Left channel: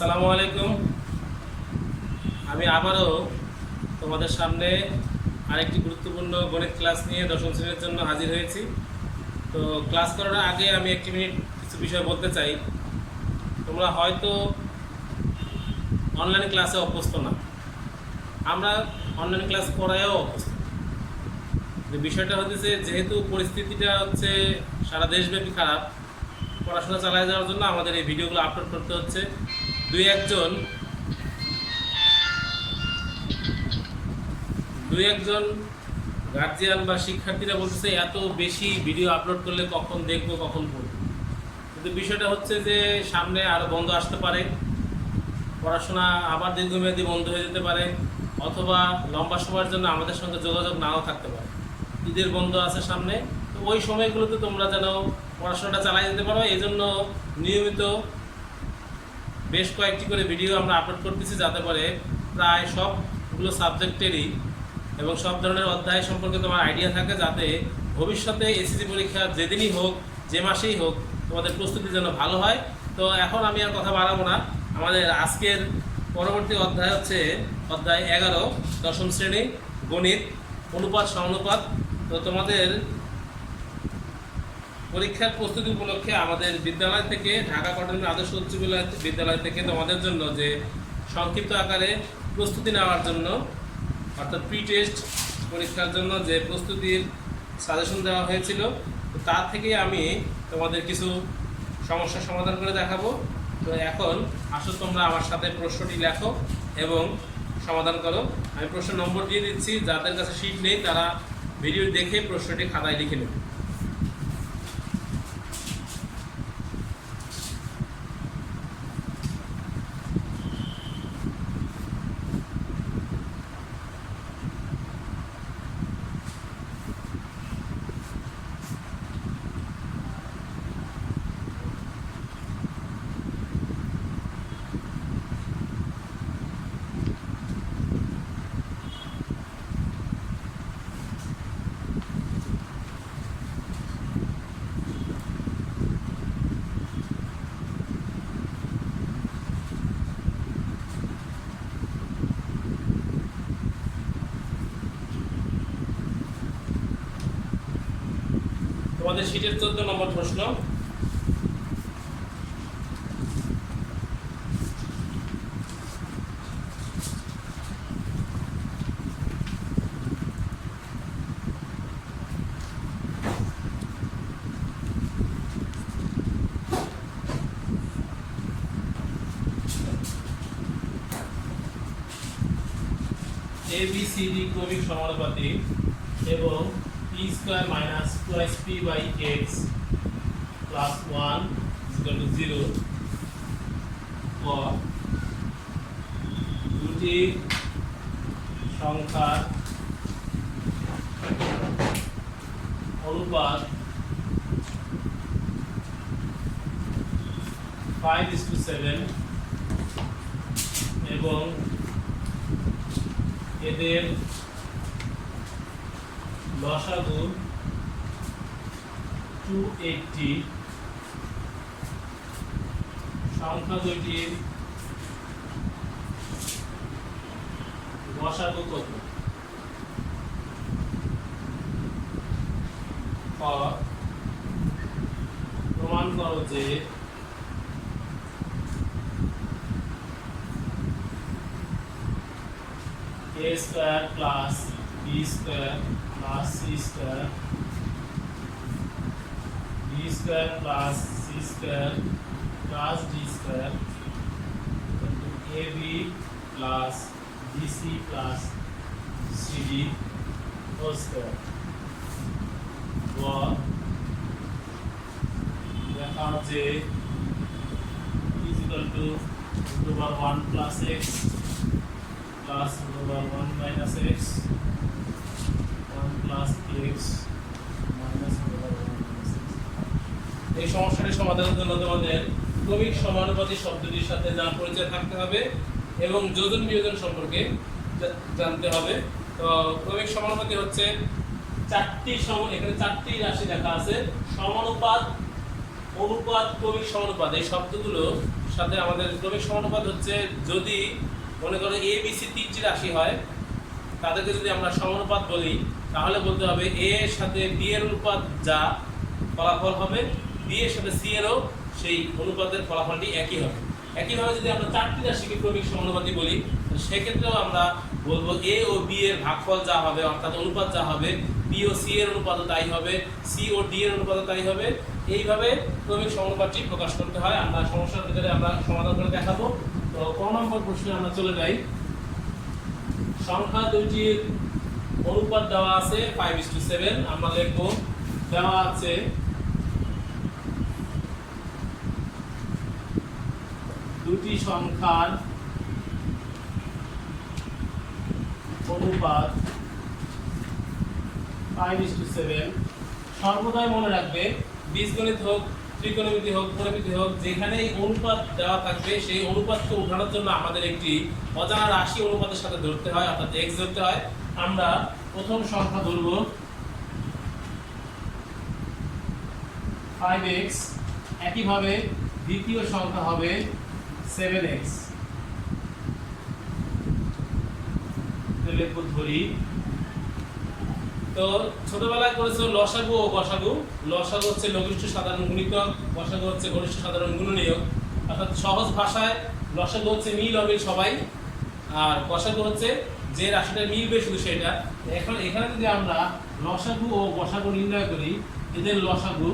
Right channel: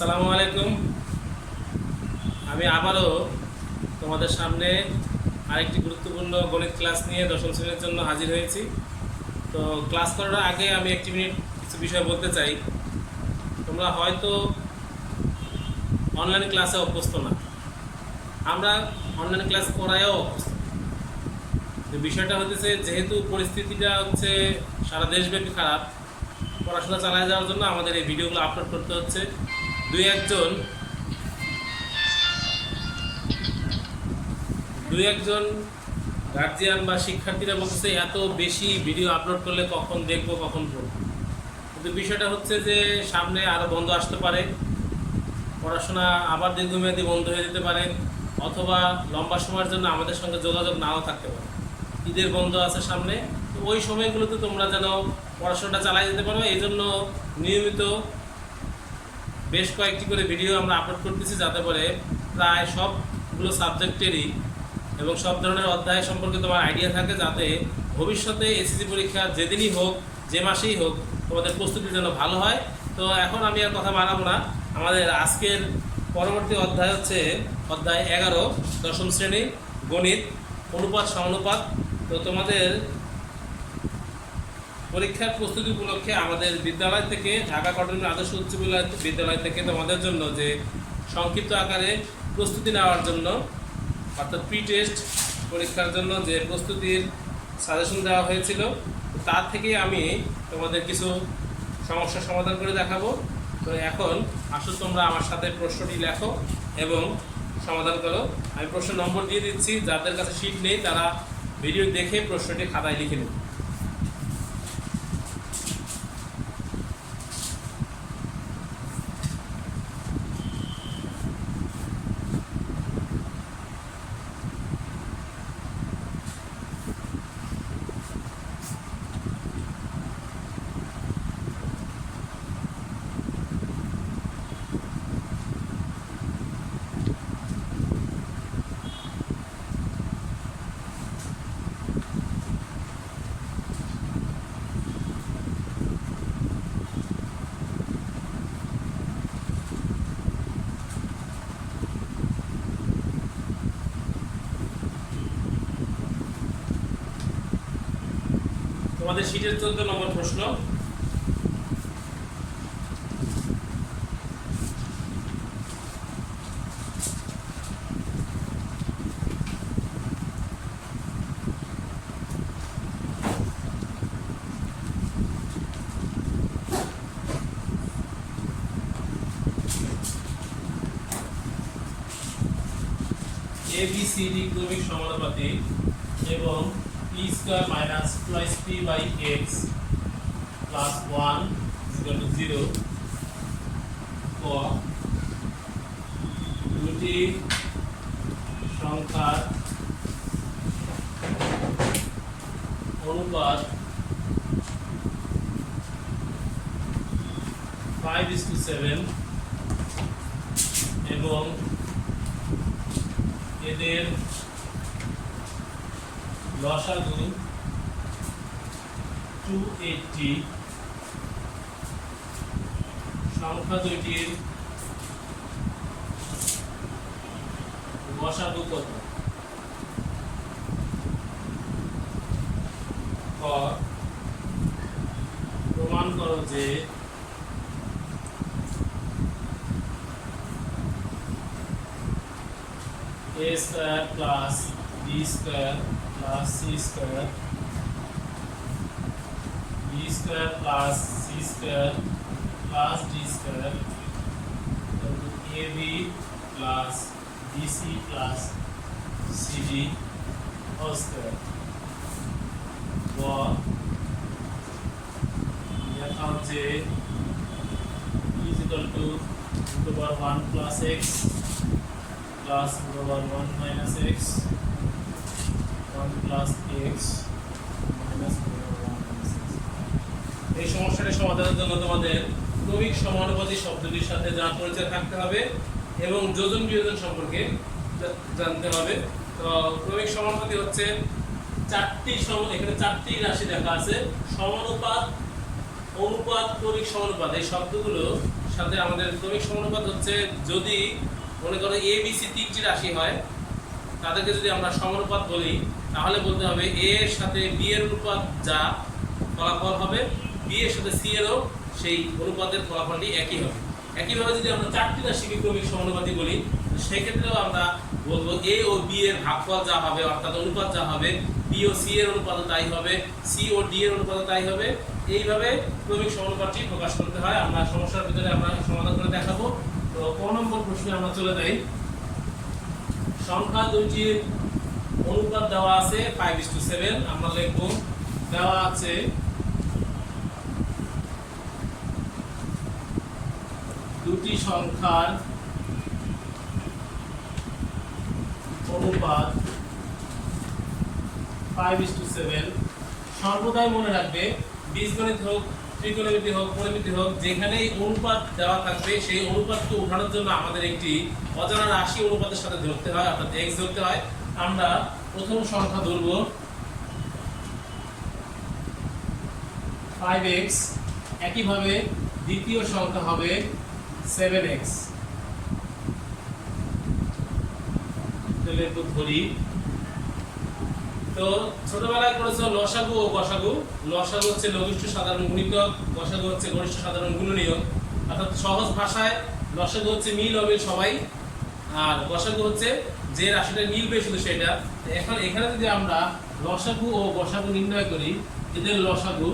আসসালামু আলাইকুম। আমি আবারও তোমাদের সামনে আরেকটি গুরুত্বপূর্ণ গণিত ক্লাস নিয়ে দশম শ্রেণীর জন্য হাজির হয়েছি। তো ক্লাস করার আগে আমি একটি মিনিট কিছু বিষয় বলতে চাই। তোমরা হয়তো অনলাইন ক্লাসে অভ্যস্ত না, আমরা অনলাইন ক্লাস করায়ও অভ্যস্ত। যে বিষয়টা হচ্ছে, যেহেতু পরিস্থিতিটা হচ্ছে সারা দেশব্যাপী খারাপ, পড়াশোনা চালিয়ে যাওয়ার জন্য আমাদের এই ভিডিওগুলো আপলোড করতে হচ্ছে। দুই একজন গার্জিয়ান বা শিক্ষার্থীরা বলতেছে এত বেশি ভিডিও আপলোড করলে কখন দেখবো কখন পড়বো। কিন্তু বিষয়টা হচ্ছে যে সামনে আরও বন্ধ আসতে পারে, পড়াশোনা আবার দীর্ঘমেয়াদী বন্ধ হয়ে যেতে পারে, অথবা লম্বা সময়ের জন্য আমাদের সঙ্গে যোগাযোগ নাও থাকতে পারে। ঈদের বন্ধ আছে সামনে, তো ওই সময়গুলোতে তোমরা যেন পড়াশোনাটা চালিয়ে যেতে পারো, এই জন্য নিয়মিত বেশ কয়েকটি করে ভিডিও আমরা আপলোড করতেছি, যাতে করে প্রায় সবগুলো সাবজেক্টেরই এবং সব ধরনের অধ্যায় সম্পর্কে তোমার আইডিয়া থাকে, যাতে ভবিষ্যতে এসএসসি পরীক্ষা যেদিনই হোক, যে মাসেই হোক, তোমাদের প্রস্তুতি যেন ভালো হয়। তো এখন আমি আর কথা বাড়াবো না, আমাদের আজকের পরবর্তী অধ্যায় হচ্ছে অধ্যায় 11, দশম শ্রেণী গণিত, অনুপাত সমানুপাত। তো তোমাদের পরীক্ষার প্রস্তুতি উপলক্ষে আমাদের বিদ্যালয় থেকে, ঢাকা কটন আদর্শ উচ্চ বিদ্যালয় থেকে তোমাদের জন্য যে সংক্ষিপ্ত আকারে প্রস্তুতি নেওয়ার জন্য, অর্থাৎ প্রি টেস্ট পরীক্ষার জন্য যে প্রস্তুতির সাজেশন দেওয়া হয়েছিল, তার থেকেই আমি তোমাদের কিছু সমস্যার সমাধান করে দেখাবো। তো এখন আসো তোমরা আমার সাথে প্রশ্নটি লেখো এবং সমাধান করো। আমি প্রশ্ন নম্বর দিয়ে দিচ্ছি, যাদের কাছে শিট নেই তারা ভিডিও দেখে প্রশ্নটি খাতায় লিখে নেবে। তোমাদের শীটের 14 নম্বর প্রশ্ন। ABCD ক্রমিক সমানুপাতি এবং p² - p/x + 1 = 0 for দুটি সংখ্যার অনুপাত 5:7 এবং এদের লসাগু 280, সংখ্যা দুইটির লসাগু কত? ক, প্রমাণ করো যে a² + b² + c² b² + c² + d² ab + bc + cd হোল²। গ, দেখাও যে e = √1 + x plus √1 - x 1 + x minus √1 - x। এই সমস্যাটি সমাধানের জন্য তোমাদের ক্রমিক সমানুপাতি শব্দটির সাথে জানার পরিচয় থাকতে হবে এবং যোজন বিয়োজন সম্পর্কে জানতে হবে। তো ক্রমিক সমানুপাতি হচ্ছে চারটি এখানে চারটি রাশি লেখা আছে, সমানুপাত অনুপাত, ক্রমিক সমানুপাত, এই শব্দগুলোর সাথে আমাদের ক্রমিক সমানুপাত হচ্ছে যদি মনে করো এ বি সি তিনটি রাশি হয়, তাদেরকে যদি আমরা সমানুপাত বলি তাহলে বলতে হবে এ এর সাথে বি এর অনুপাত যা ফলাফল হবে, বি এর সাথে সি এরও সেই অনুপাতের ফলাফলটি একই হবে। একইভাবে যদি আমরা চারটি রাশিকে ক্রমিক সমানুপাতি বলি, সেক্ষেত্রেও আমরা বলবো এ ও বি এর ভাগফল যা হবে অর্থাৎ অনুপাত যা হবে, বি ও সি এর অনুপাতও তাই হবে, সি ও ডি এর অনুপাতও তাই হবে। এইভাবে ক্রমিক সমানুপাতটি প্রকাশ করতে হয়। আমরা সমস্যার ভিতরে আমরা সমাধান করে দেখাবো। তো ক নম্বর প্রশ্নে আমরা চলে যাই। সংখ্যা দুইটির অনুপাত দেওয়া আছে 5:7। আমরা লিখব দেওয়া আছে দুটি সংখ্যার অনুপাত 5:7। সর্বদাই মনে রাখবে বীজগণিত হোক, ত্রিকোণমিতি হোক, পরিমিতি হোক, যেখানেই অনুপাত দেওয়া থাকবে সেই অনুপাতকে উঠানোর জন্য আমাদের একটি অজানা রাশি অনুপাতের সাথে ধরতে হয়, অর্থাৎ x ধরতে হয়। আমরা প্রথম সংখ্যা ধরব 5x, একইভাবে দ্বিতীয় সংখ্যা হবে 7x। তাহলে ধরি, তো ছোটবেলায় করেছো লসাগু ও গসাগু। লসাগু হচ্ছে লঘিষ্ঠ সাধারণ গুণিতক, গসাগু হচ্ছে গরিষ্ঠ সাধারণ গুণনীয়ক। অর্থাৎ সহজ ভাষায় লসাগু হচ্ছে মিল অমিল সবাই, আর গসাগু হচ্ছে যে রাশিটা মিলবে শুধু সেটা। এখন এখানে যদি আমরা লসাগু ও গসাগু নির্ণয় করি, এদের লসাগু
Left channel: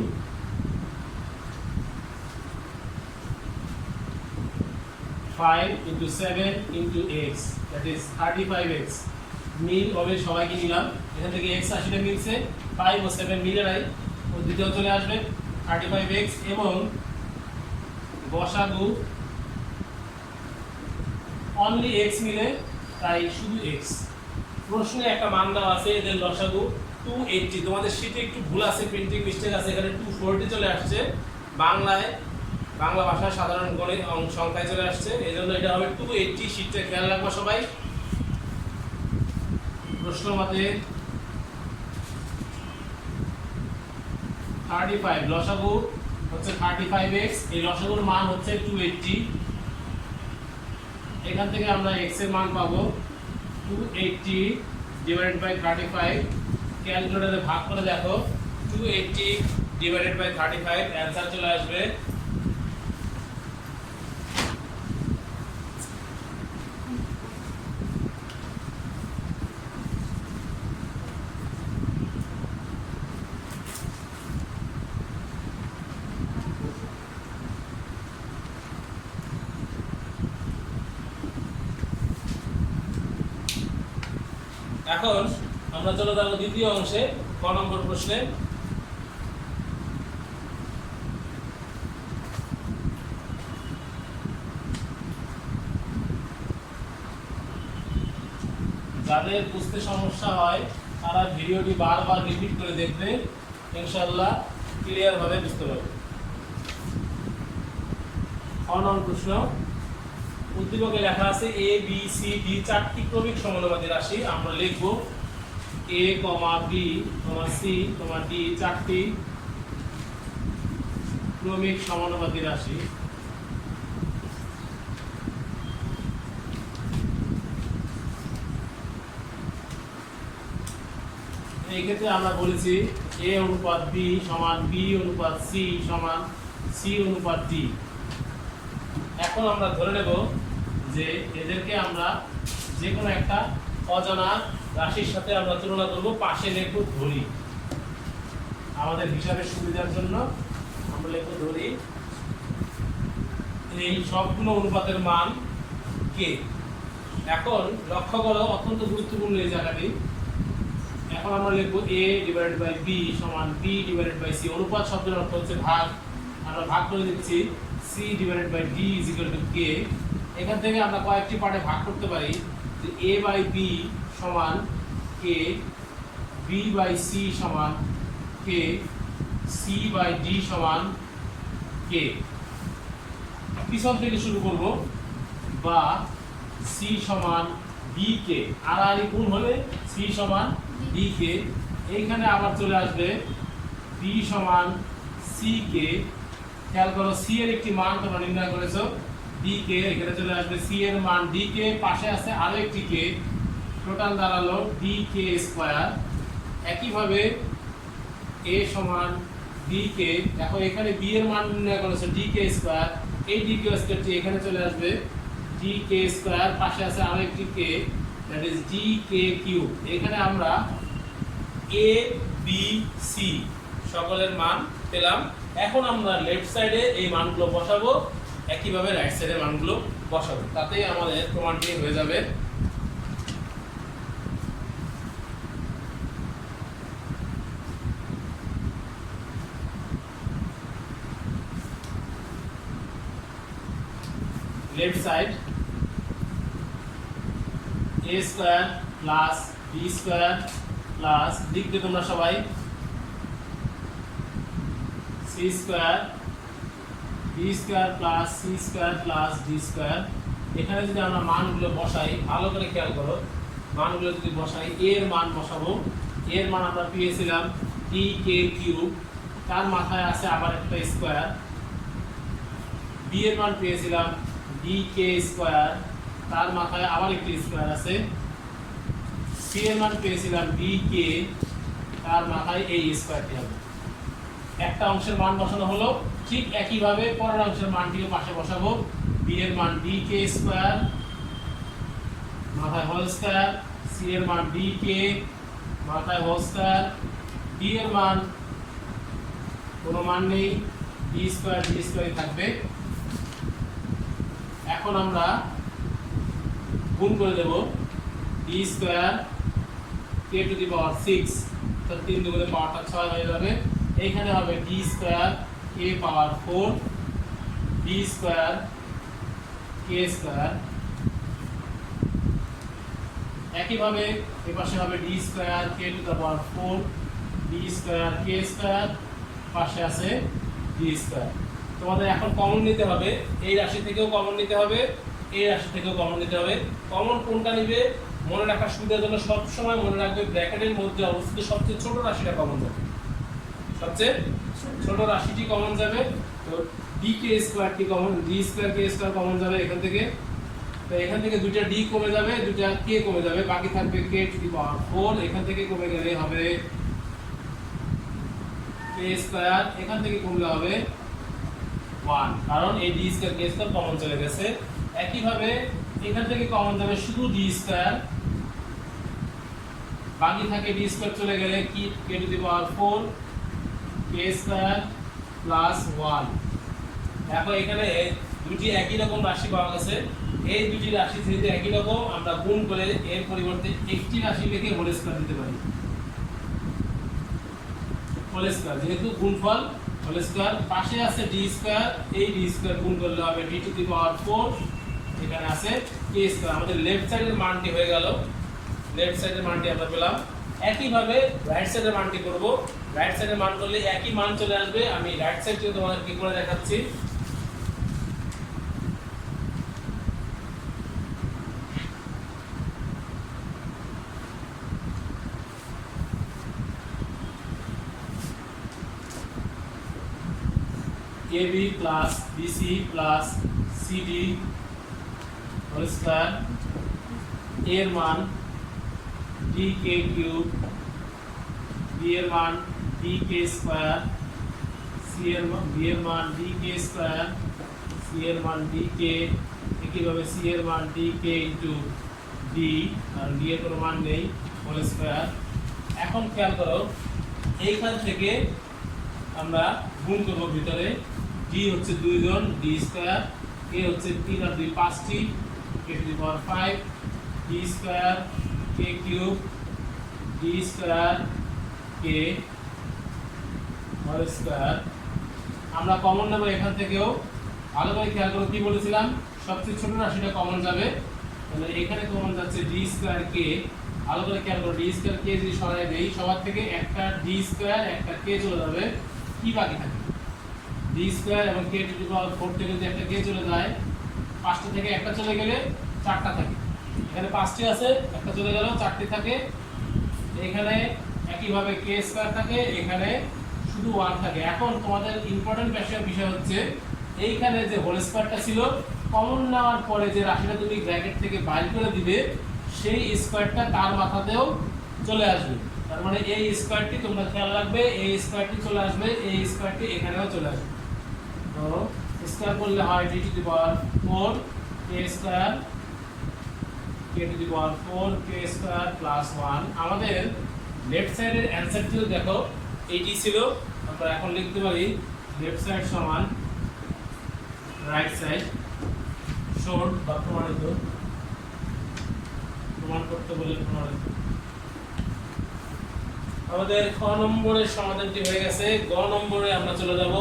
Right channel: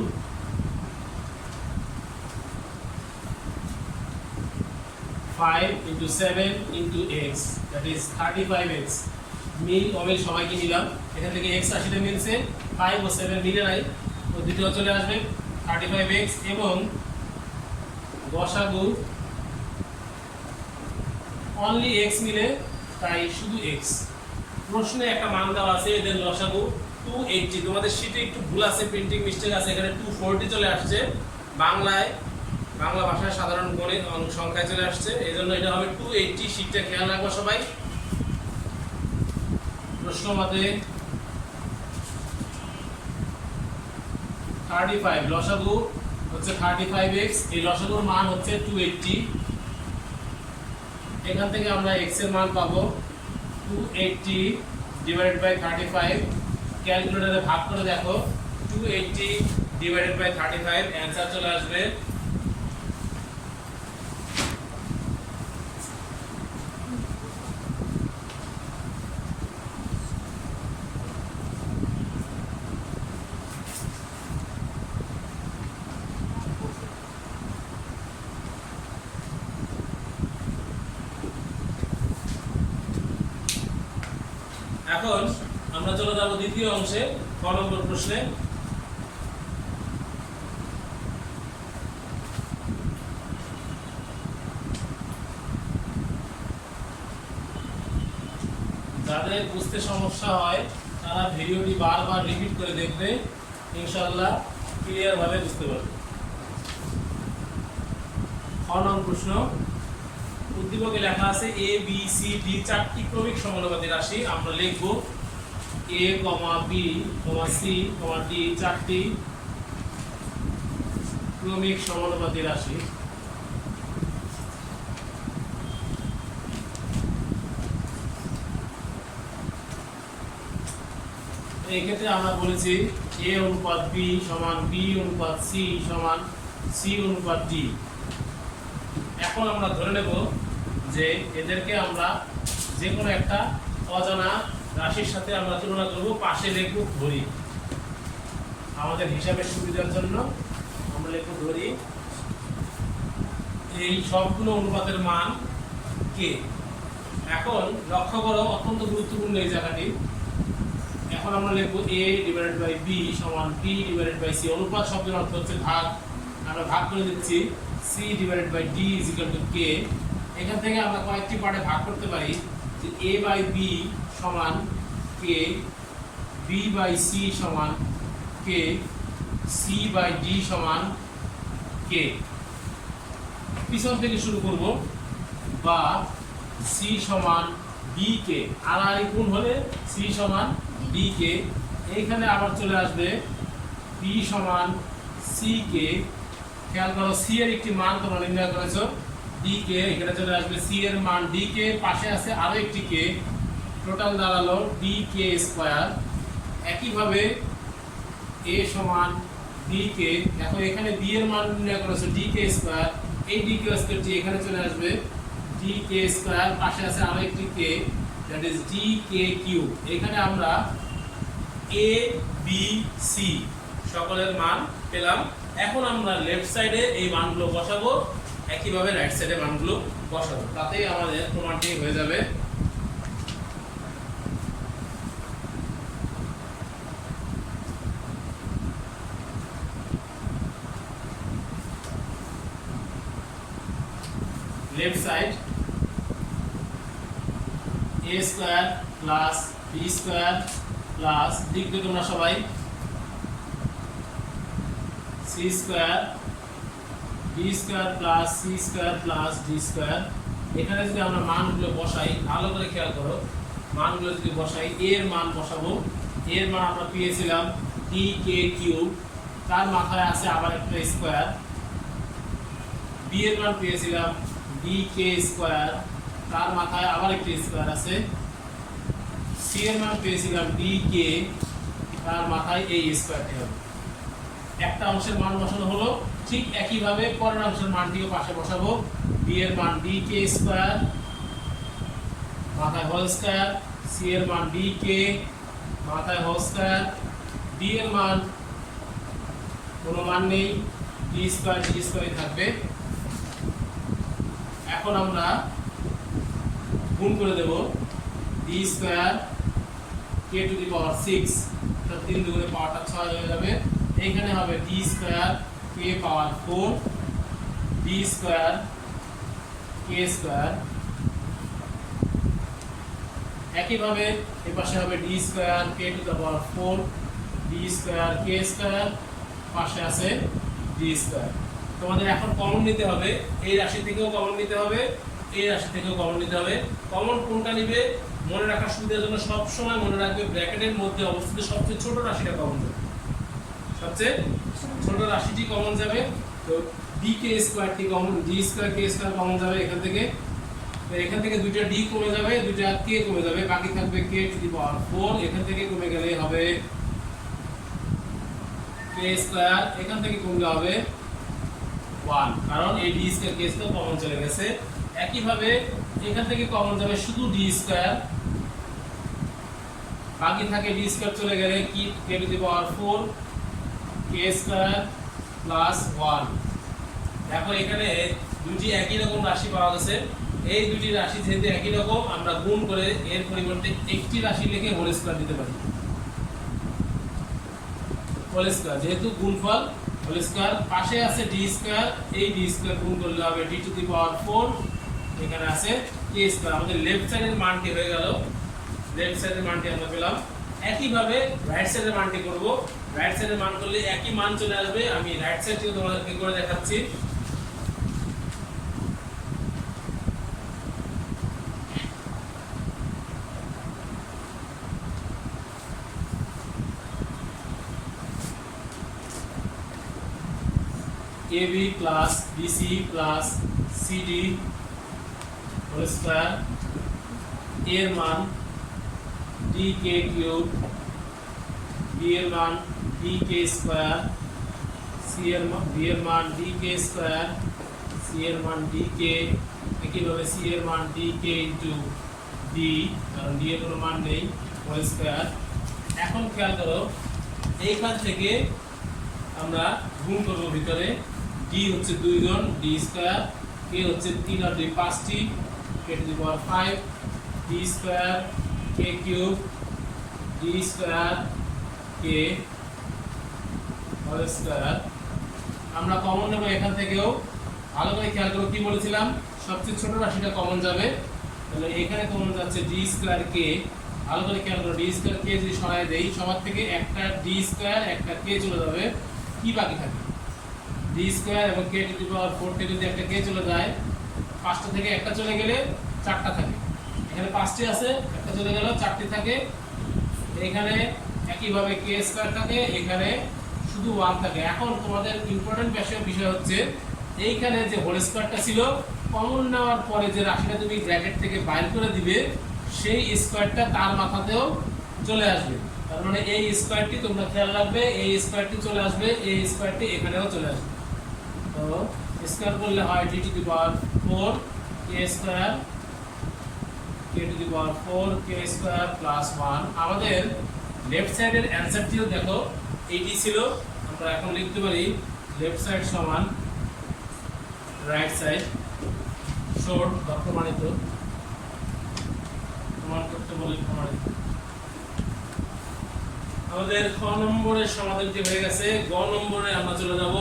5 × 7 × x, that is 35x। মিল অমিল সবাইকে নিলাম, এখান থেকে x রাশিটা মিলছে, 5 ও 7 মিলে নাই, ও দ্বিতীয় চলে আসবে 35x। এবং গসাগু অনলি x মিলে, তাই শুধু x। প্রশ্নে একটা মান দেওয়া আছে, এদের লসাগু 280। তোমাদের শীটে একটু ভুল আছে, প্রিন্টিং মিস্টেক আছে, এখানে 240 চলে আসছে, বাংলা ভাষায় সাধারণ গণিত সংখ্যায় চলে আসছে, এই জন্য এটা হবে 280। শীটটা খেয়াল রাখবো সবাই। প্রশ্ন মতে 35 লসাগু হচ্ছে 35x, এই লসাগুর মান হচ্ছে 280। এখান থেকে আমরা x এর মান পাবো 280 / 35। ক্যালকুলেটরে ভাগ করে দেখো, 280 / 35, অ্যান্সার চলে আসবে এখন আমরা চলে যাব দ্বিতীয় অংশে, ক নম্বর প্রশ্নে। যাদের বুঝতে সমস্যা হয় তারা ভিডিওটি বারবার রিপিট করে দেখবে, ইনশাআল্লাহ ক্লিয়ার ভাবে বুঝতে পারবে। খ নম্বর প্রশ্ন, উদ্দীপকে লেখা আছে a b c d চারটি ক্রমিক সমানুপাতি রাশি। আমরা লিখব a, b, c, d চারটি ক্রমিক সমানুপাতি রাশি। এই ক্ষেত্রে আমরা বলেছি a অনুপাত b সমান b অনুপাত c সমান c অনুপাত d। এখন আমরা ধরে নেব যে এদেরকে আমরা যে কোনো একটা অজানা রাশির সাথে আমরা তুলনা করব, পাশে লিখব ধরি। আমাদের হিসাবের সুবিধার জন্য আমরা লিখব ধরি। এই সবগুলো অনুপাতের মান কে। এখন লক্ষ্য করো, অত্যন্ত গুরুত্বপূর্ণ এই জায়গাটি। এখন আমরা লিখব a / b সমান b / c। অনুপাত শব্দের অর্থ হচ্ছে ভাগ, আমরা ভাগ করে দিচ্ছি c / d = k। এখান থেকে আমরা কয়েকটি পার্টে ভাগ করতে পারি, যে a/b সমান k, b/c সমান k, c/d সমান k। পিছন থেকে শুরু করব, বা c সমান dk, আর গুণ হলে c সমান dk। এইখানে আবার চলে আসবে b সমান ck, খেয়াল করো সি এর একটি মান তোমরা নির্ণয় করেছো ডি কে, এখানে চলে আসবে সি এর মান ডি কে, পাশে আছে আরো একটি কে, টোটাল দাঁড়ালো ডি কে স্কয়ার। একইভাবে এ সমান ডি কে, দেখো এখানে বি এর মান নির্ণয় করেছো ডি কে স্কয়ার, এই ডি কে স্কয়ারটি এখানে চলে আসবে ডি কে স্কয়ার, পাশে আছে আরো একটি K, that is D K cube. এখানে আমরা এ বি সি সকলের মান পেলাম। এখন আমরা লেফট সাইডে এই মানগুলো বসাবো, একইভাবে রাইট সাইডে মানগুলো বসাবো, তাতেই আমাদের প্রমাণটি হয়ে যাবে। Left side A square plus B square plus, লিখবে তোমরা সবাই C square B square plus C square plus D square. এখানে যদি আমরা মানগুলো বসাই, ভালো করে খেয়াল করো, মানগুলো যদি বসাই, এর মান বসাবো, এর মান আমরা পেয়েছিলাম ডি কে কিউব, তার মাথায় আছে আবার একটা স্কয়ার। বি এর মান পেয়েছিলাম ডি কে স্কয়ার, তার মাথায় আবার একটি স্কয়ার আছে। সি এর মান পেয়েছিলাম ডি কে, তার মাথায় এই স্কয়ারটি হবে। একটা অংশের মান বসানো হলো, ঠিক একইভাবে পরের অংশের মানটিও পাশে বসাবো। বি এর মান ডি কে স্কয়ার, মাথায় হোল স্কয়ার, সি এর মান ডি কে, মাথায় হোল স্কয়ার, ডি এর মান কোনো মান নেই, ডি স্কয়ারই থাকবে। এখন আমরা গুণ করে দেব D square K to the power 6, তার 3 দুগুণে পাওয়ারটা 6 হয়ে যাবে। এইখানে হবে ডি স্কয়ার কে পাওয়ার 4, ডি স্কয়ার কে স্কয়ার। একইভাবে এই পাশে হবে D square K to the power 4, D square K square, পাশে আছে ডি স্কয়ার। তোমাদের এখন কমন নিতে হবে, এই রাশি থেকেও কমন নিতে হবে, এই রাশি থেকেও কমন নিতে হবে। কমন কোনটা নিবে মনে রাখার সুবিধার জন্য সব সময় মনে রাখবে ব্র্যাকেটের মধ্যে অবস্থিত সবচেয়ে ছোট রাশিটা কমন যাবে, সবচেয়ে ছোট রাশিটি কমন যাবে। তো ডি কে স্কয়ারটি কমন, ডি স্কয়ার কে স্কয়ার কমন যাবে এখান থেকে। তো এখান থেকে দুইটা ডি কমে যাবে, দুইটা কে কমে যাবে, বাকি থাকবে কে টু দি পাওয়ার 4। এখান থেকে কমে গেলে হবে কে স্কয়ার, এখান থেকে কমলে হবে 1, কারণ এই ডি স্কয়ার কে স্কয়ার কমন চলে গেছে। একইভাবে এখান থেকে কমন যাবে শুধু ডি স্কয়ার, বাকি থাকে ডি স্কয়ার চলে গেলে কি K to the power 4 K square plus 1। এখন এখানে দুটি একই রকম রাশি পাওয়া গেছে, এই দুটি রাশি যেহেতু একই রকম, আমরা গুণ করে এর পরিবর্তে একটি রাশি লিখে হোল স্কয়ার দিতে পারি। হোল স্কয়ার যেহেতু গুণফল হোল স্কয়ার, পাশে আছে ডি স্কয়ার, এই ডি স্কয়ার গুণ করলে হবে ডি টু দি পাওয়ার 4, এখানে আছে কে স্কয়ার। আমাদের লেফট সাইডের মানটি হয়ে গেল, লেফট সাইডের মানটি আমরা পেলাম। একইভাবে রাইট সাইডের মানটি করব, রাইট সাইডের মান করলে একই মান চলে আসবে। আমি রাইট সাইড থেকে তোমাদেরকে করে দেখাচ্ছি। AB plus BC plus CD whole square, এর মান DK কিউব, B এর মান DK স্কয়ার, C এর মান B এর মান DK স্কয়ার, C এর মান DK, একইভাবে C এর মান DK ইনটু D, কারণ D এর কোনো মান নেই, হোল স্কয়ার। এখন খেয়াল করো, এইখান থেকে আমরা গুণ করব ভিতরে, d হচ্ছে 2 জন d স্কয়ার, k হচ্ছে 3 আর 2 5টি, k to the power 5, d square k cube, d square k whole square. আমরা কমন নেব এখান থেকেও, ভালো করে খেয়াল করো কি বলেছিলাম, সবচেয়ে ছোট রাশিটা কমন যাবে, তাহলে এখানে কমন যাচ্ছে d স্কয়ার k। ভালো করে খেয়াল করো, d স্কয়ার k যদি সরায় দেই, সবার থেকে একটা d স্কয়ার একটা k চলে যাবে, কি বাকি থাকে d স্কয়ার এবং k টু দি পাওয়ার 4 থেকে যদি একটা k চলে যায়, পাঁচটা থেকে একটা চলে গেলে চারটা থাকে, এখানে পাঁচটি আছে, একটা চলে গেল, চারটি থাকে। এইখানে একইভাবে k স্কয়ার থাকে, এখানে শুধু 1 থাকে। এখন তোমাদের ইম্পর্টেন্ট বিষয় হচ্ছে এইখানে যে হোল স্কয়ারটা ছিল কমন নেওয়ার পরে যে রাশিটা তুমি ব্র্যাকেট থেকে বাইর করে দিবে সেই স্কয়ারটা তার মাথাতেও চলে আসবে। তার মানে এই স্কয়ারটি তোমরা খেয়াল রাখবে, এই স্কয়ারটি চলে আসবে, এই স্কয়ারটি এখানেও চলে আসবে। তো স্কয়ার করলে হয় d two the power 4 k square k to the power 4 k square plus 1। আমাদের লেফট সাইডের অ্যানসারটিও দেখো এইটি ছিল। আমরা এখন লিখতে পারি লেফট সাইড সমান রাইট সাইড, শর্ট বা প্রমাণিত, প্রমাণ করতে বলে প্রমাণিত। আমাদের খ নম্বরের সমাধানটি হয়ে গেছে। গ নম্বরে আমরা চলে যাব।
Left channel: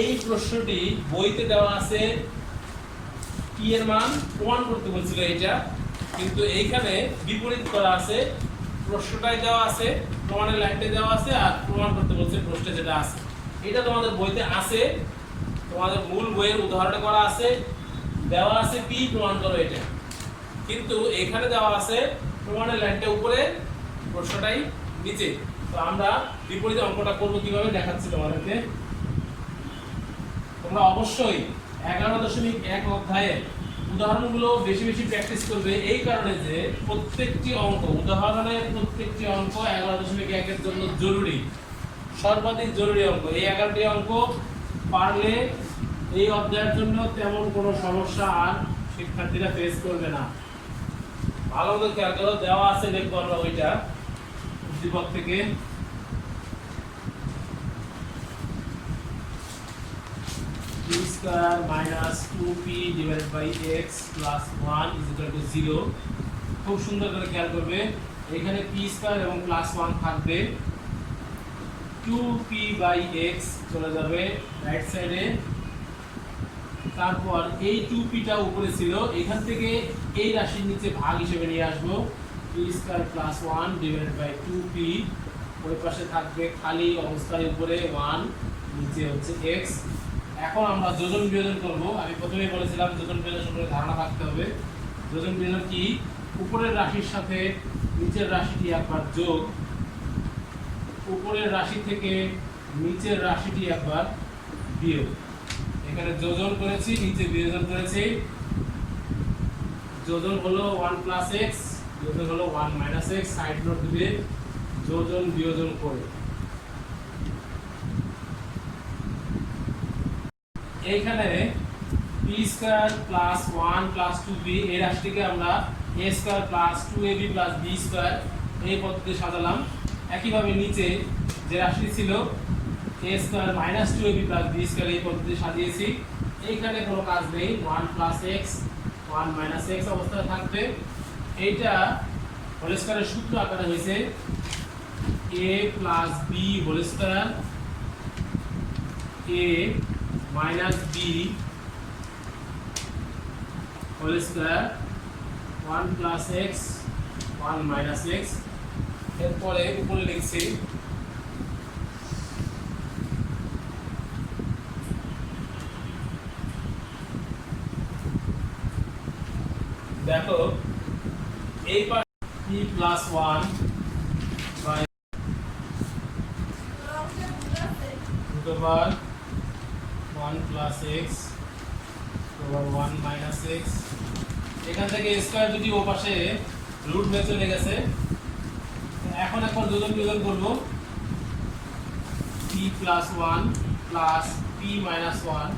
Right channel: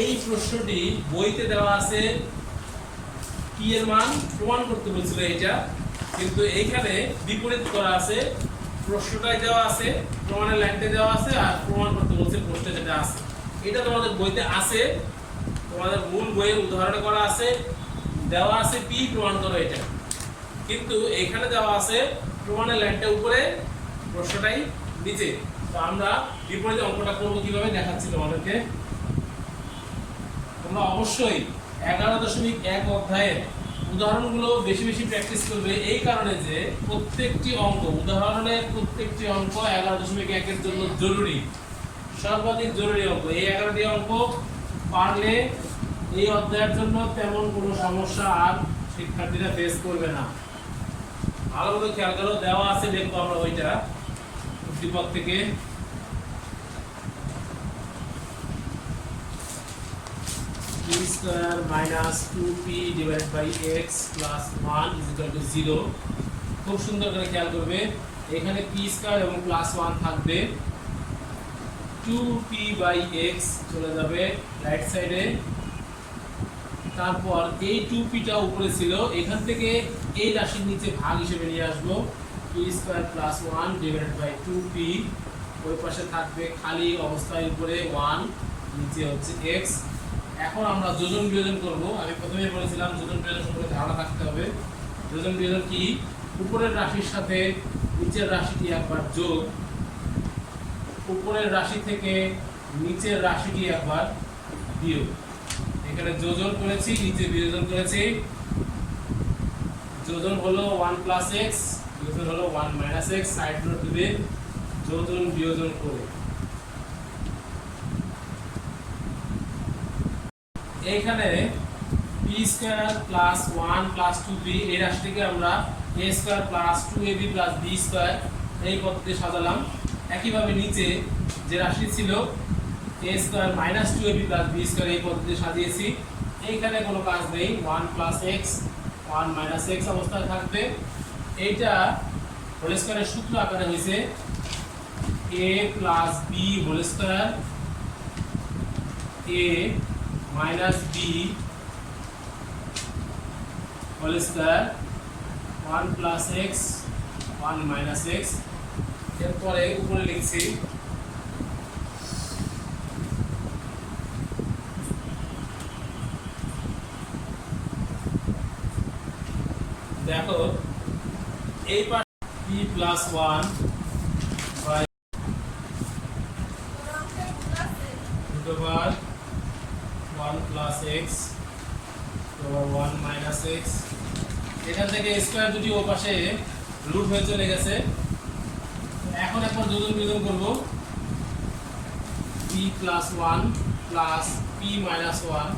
এই প্রশ্নটি বইতে দেওয়া আছে p এর মান প্রমাণ করতে বলছিল এইটা, কিন্তু এইখানে বিপরীত করা আছে। প্রশ্নটাই দেওয়া আছে, প্রমাণের লাইনটা দেওয়া আছে, আর প্রমাণ করতে বলছে প্রশ্নে যেটা আছে। এটা তোমাদের বইতে আছে, তোমাদের মূল বইয়ের উদাহরণে করা আছে, দেওয়া আছে p প্রমাণ করো এটা, কিন্তু এখানে দেওয়া আছে প্রমাণের লাইনটা উপরে, প্রশ্নটাই নিচে। তো আমরা বিপরীত অঙ্কটা করব কিভাবে দেখাচ্ছি তোমাদেরকে। তোমরা অবশ্যই 11.1 অধ্যায়ের উদাহরণগুলো বেশি বেশি প্র্যাকটিস করবে, এই কারণে যে প্রত্যেকটি অঙ্ক, উদাহরণের প্রত্যেকটি অঙ্ক 11.1 এর জন্য জরুরি, সর্বাধিক জরুরি অঙ্ক। এই 11টি অঙ্ক পারলে এই অধ্যায়ের জন্য তেমন কোনো সমস্যা আর শিক্ষার্থীরা ফেস করবে না। ভালো মতো খেয়াল করো, দেওয়া আছে, দেখবো আমরা ওইটা উদ্দীপক থেকে। p square minus 2p divided by x plus 1 is equal to 0। খুব সুন্দর করে খেয়াল করবে, এখানে p স্কয়ার এবং প্লাস 1 থাকবে, 2p বাই x চলে যাবে রাইট সাইডে। তারপর এই 2p টা উপরে ছিল, এখান থেকে এই রাশির নিচে ভাগ হিসেবে নিয়ে আসবো, p square plus 1 divided by 2p। ওই পাশে থাকবে খালি অবস্থায় উপরে 1, নিচে হচ্ছে x। এখন আমরা যোজন বিয়োজন করব। আমি প্রথমে বলেছিলাম যোজন বিয়োজন সম্পর্কে ধারণা থাকতে হবে। যোজন বিয়োজন কি? উপরের রাশির সাথে নিচের রাশিটি একবার যোগ, উপরের রাশি থেকে নিচের রাশিটি একবার বিয়োগ। এখানে যোজন করেছি, নিচে বিয়োজন করেছি। যোজন হলো 1 প্লাস x, বিয়োজন হলো 1 মাইনাস x। সাইড নোট দিবে যোজন বিয়োজন করে। এইখানে p square plus 1 plus 2b, এই রাশিটিকে আমরা a square plus 2ab plus b square এই পদ্ধতিতে সাজালাম। একইভাবে নিচে যে রাশি ছিল a square minus 2ab plus b square এই পদ্ধতিতে সাজিয়েছি। এইখানে কোনো কাজ নেই, 1 প্লাস x 1 মাইনাস x অবস্থায় থাকবে। এইটা হোল স্কয়ারের সূত্র আকারে হয়েছে a plus b whole square, a minus b whole square, 1 plus x 1 minus x। এরপরে উপরে লিখছি দেখো এই পাশে p plus 1 by root over 1 plus x over 1 minus x। এখান থেকে স্কয়ার যদি ও পাশে রুট হয়ে চলে গেছে, এখন একবার যোজন বিয়োজন করব। p plus 1 plus p minus 1,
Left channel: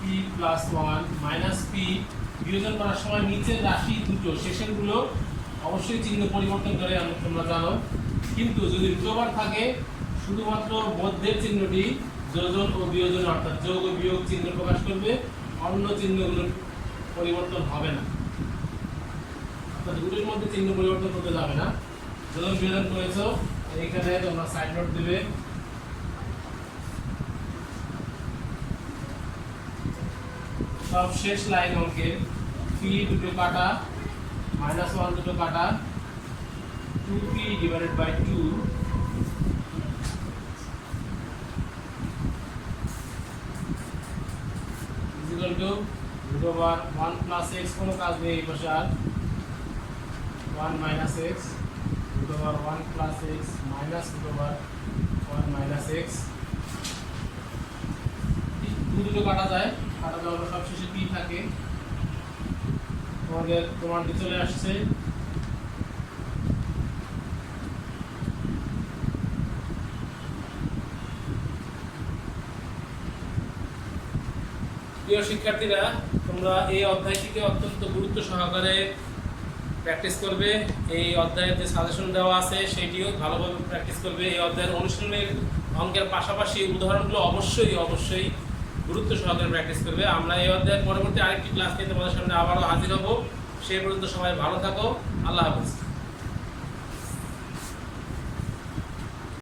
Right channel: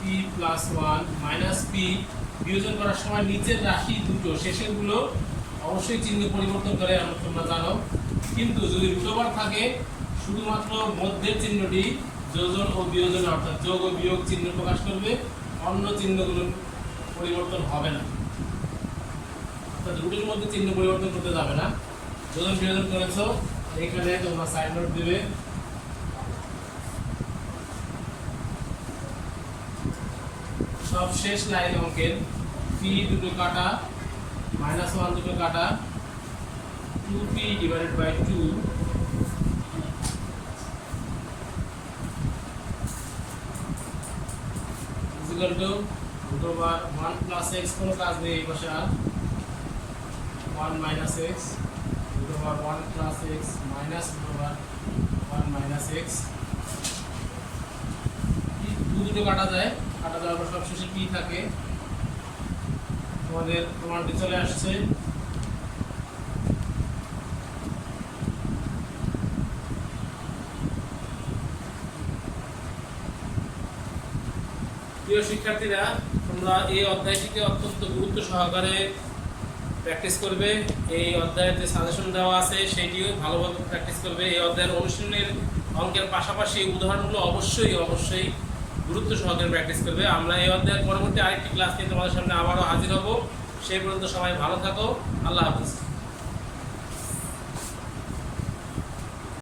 p plus 1 minus p। বিয়োজন করার সময় নিচের রাশি দুটো শেষের গুলো অবশ্যই চিহ্ন পরিবর্তন করে, তোমরা জানো। কিন্তু যদি রুট ওভার থাকে শুধুমাত্র মধ্যের চিহ্নটি যোজন ও বিয়োজন অর্থাৎ যোগ ও বিয়োগ চিহ্ন প্রকাশ করবে, অন্য চিহ্নগুলোর পরিবর্তন হবে না। অর্থাৎ রুটের মধ্যে চিহ্ন পরিবর্তন করতে যাবে না। যোজন বিয়োজন করেছো, এখানে তোমরা সাইড নোট দেবে। সব শেষ লাইন অঙ্কের p দুটো কাটা, মাইনাস 1 দুটো কাটা, 2p divided by 2 is equal to root over 1 plus x। কোনো কাজ নেই এই পাশে আর, 1 minus x root over 1 plus x minus root over 1 minus x, দুটো কাটা যায়, কাটা যাওয়ার পর সবশেষে পি থাকে। আমাদের প্রমাণটি চলে আসছে। প্রিয় শিক্ষার্থীরা, তোমরা এই অধ্যায়টিকে অত্যন্ত গুরুত্ব সহকারে প্র্যাকটিস করবে। এই অধ্যায়ের যে সাজেশন দেওয়া আছে সেইটিও ভালোভাবে প্র্যাকটিস করবে। এই অধ্যায়ের অনুশীলনের অঙ্কের পাশাপাশি উদাহরণগুলো অবশ্যই গুরুত্ব সহকারে প্র্যাকটিস করবে। আমরা এই অধ্যায়ের পরবর্তী আরেকটি ক্লাস নিয়ে তোমাদের সামনে আবারও হাজির হব। সেই পর্যন্ত সবাই ভালো থাকো। আল্লাহ হাফেজ।